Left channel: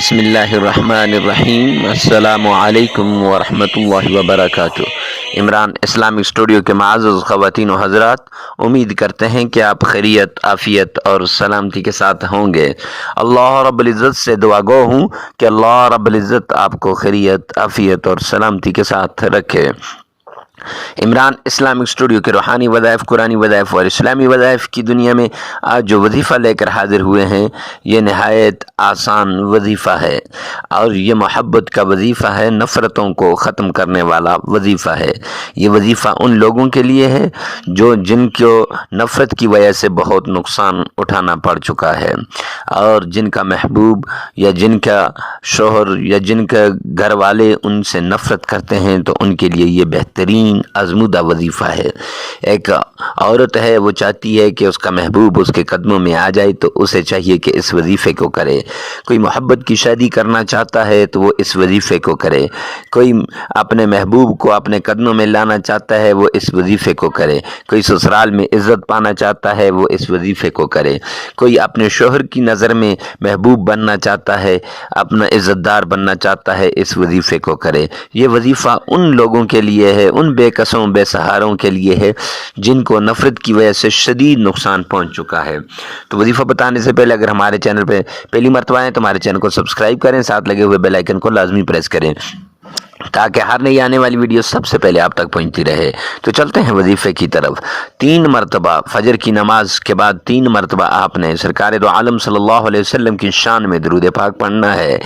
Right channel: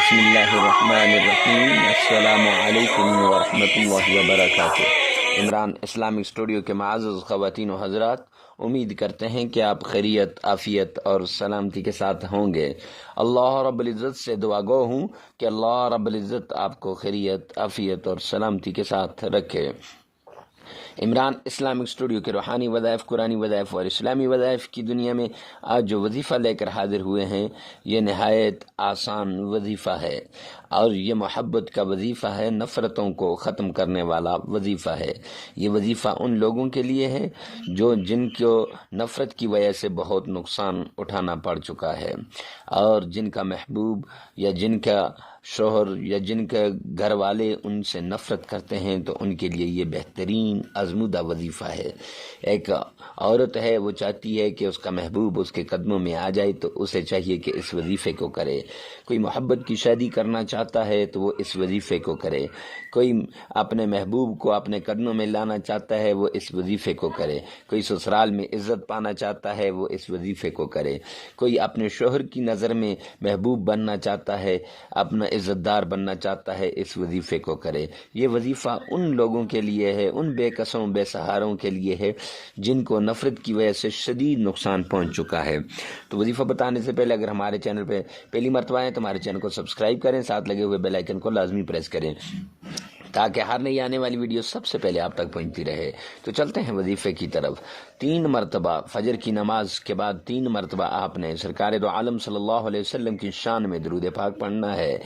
بسم اللہ الرحمن الرحیم۔ السلام علیکم ورحمۃ اللہ وبرکاتہ۔ عمران اسلامک اسٹوڈیو کے معزز خواتین و حضرات، امید کرتے ہیں کہ آپ خیریت، عافیت اور سلامتی کے ساتھ ہوں گے۔ اللہ رب العزت سے دعا گو ہوں کہ اللہ رب العزت آپ کو خیریت، عافیت اور سلامتی کے ساتھ رکھے۔ عمران اسلامک اسٹوڈیو کے روحانی وظائف، قرآنی وظائف اور اسلامی وظائف کی دنیا میں آج جو وظیفہ لے کر حاضر ہوئے ہیں، یہ نہایت آسان وظیفہ ہے اور یہ محبت کا وظیفہ ہے، نفرتوں کو ختم کرنے والا وظیفہ ہے۔ یہ وظیفہ ان لوگوں کے لیے ہے جن کو نفرت کی وجہ سے بہت نقصان اٹھانا پڑ چکا ہے، اور جن کا محبوب یا جن کا شوہر یا جن کے گھر والے ان سے نفرت کرتے ہیں، تو ان کے لیے یہ بہترین آزمودہ وظیفہ ہے۔ ایک عورت ہے، وہ چاہتی ہے کہ اس کا محبوب اس کے قدموں میں آ جائے، تو اسے چاہیے کہ اس وظیفے کو کرے۔ کوئی محبت کی شادی کرنا چاہتا ہے تو وہ اس وظیفے کو کرے۔ کوئی اپنے محبوب کو اپنے قدموں میں لانا چاہتا ہے، وہ اس وظیفے کو کرے۔ کوئی سسرال میں عزت پانا چاہتا ہے، وہ اس وظیفے کو کرے۔ کوئی اپنے شوہر کی نظر میں محبوب بننا چاہتا ہے، اپنا عزت دار بننا چاہتا ہے، اس وظیفے کو کرے۔ یہ وظیفہ ان لوگوں کے لیے ہے، ان بے کسوں بے سہاروں کے لیے ہے جن کو نفرت کی وجہ سے شدید نقصان پہنچ چکا ہے۔ تو وظیفہ بتانے سے پہلے اگر ہمارے چینل پہ پہلی مرتبہ آئیں تو ہمارے چینل کو سبسکرائب کریں، ساتھ لگے ہوئے بیل آئیکن کو لازمی پریس کریں تاکہ ہر نئی آنے والی ویڈیو سب سے پہلے آپ تک پہنچتی رہے۔ تو چلتے ہیں وظیفے کی طرف۔ 3 مرتبہ فجر کی نماز کے بعد 3 مرتبہ آپ نے سرکار دو عالم صلی اللہ علیہ وسلم کی شان میں درود پاک پڑھنا ہے،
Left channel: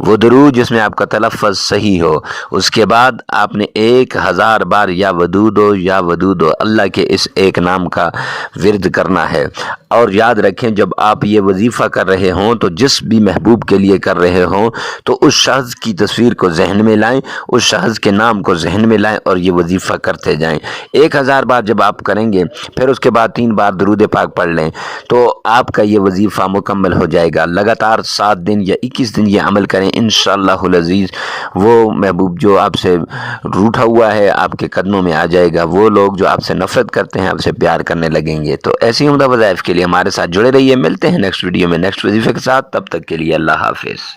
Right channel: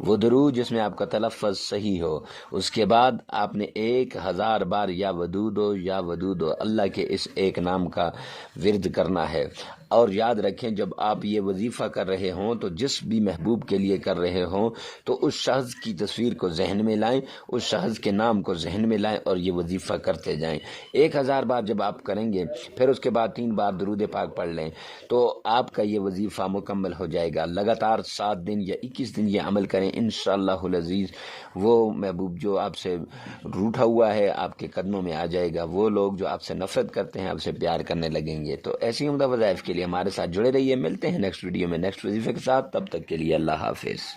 وہ درود جس میں آپ کا تلفظ صحیح ہو۔ اس کے بعد آپ نے 1000 بار یا ودودو یا ودودو، اللہ کے اس ایک نام کا ورد کرنا ہے۔ اور یاد رکھیں، جب آپ یہ وظیفہ کر رہے ہوں تو جس بھی محبوب کے لیے کر رہے ہوں تو اس شخص کی تصویر کو ذہن میں لائیں، اس شخص کے نام کو ذہن میں لائیں اور یہ وظیفہ کرتے جائیں۔ 1000 بار جب آپ کریں گے، پھر اس کے بعد 3 بار درود پاک پڑھ لیں تو آپ کا یہ وظیفہ مکمل ہو جائے گا۔ لگاتار 7 دن یا 21 دن یہ عمل کریں، انشاءاللہ العزیز وہ محبوب جو آپ سے روٹھا ہوا ہے آپ کے قدموں میں آ جائے گا۔ وہ لوگ جو آپ سے نفرت کرتے ہیں آپ سے پیار کرنے لگیں گے۔ تو ایسی عمدہ وظائف کے لیے ہمارے ساتھ جڑے رہیے۔ ملتے ہیں نیکسٹ ویڈیو میں نیکسٹ وظیفے کے ساتھ، تب تک کے لیے اللہ حافظ۔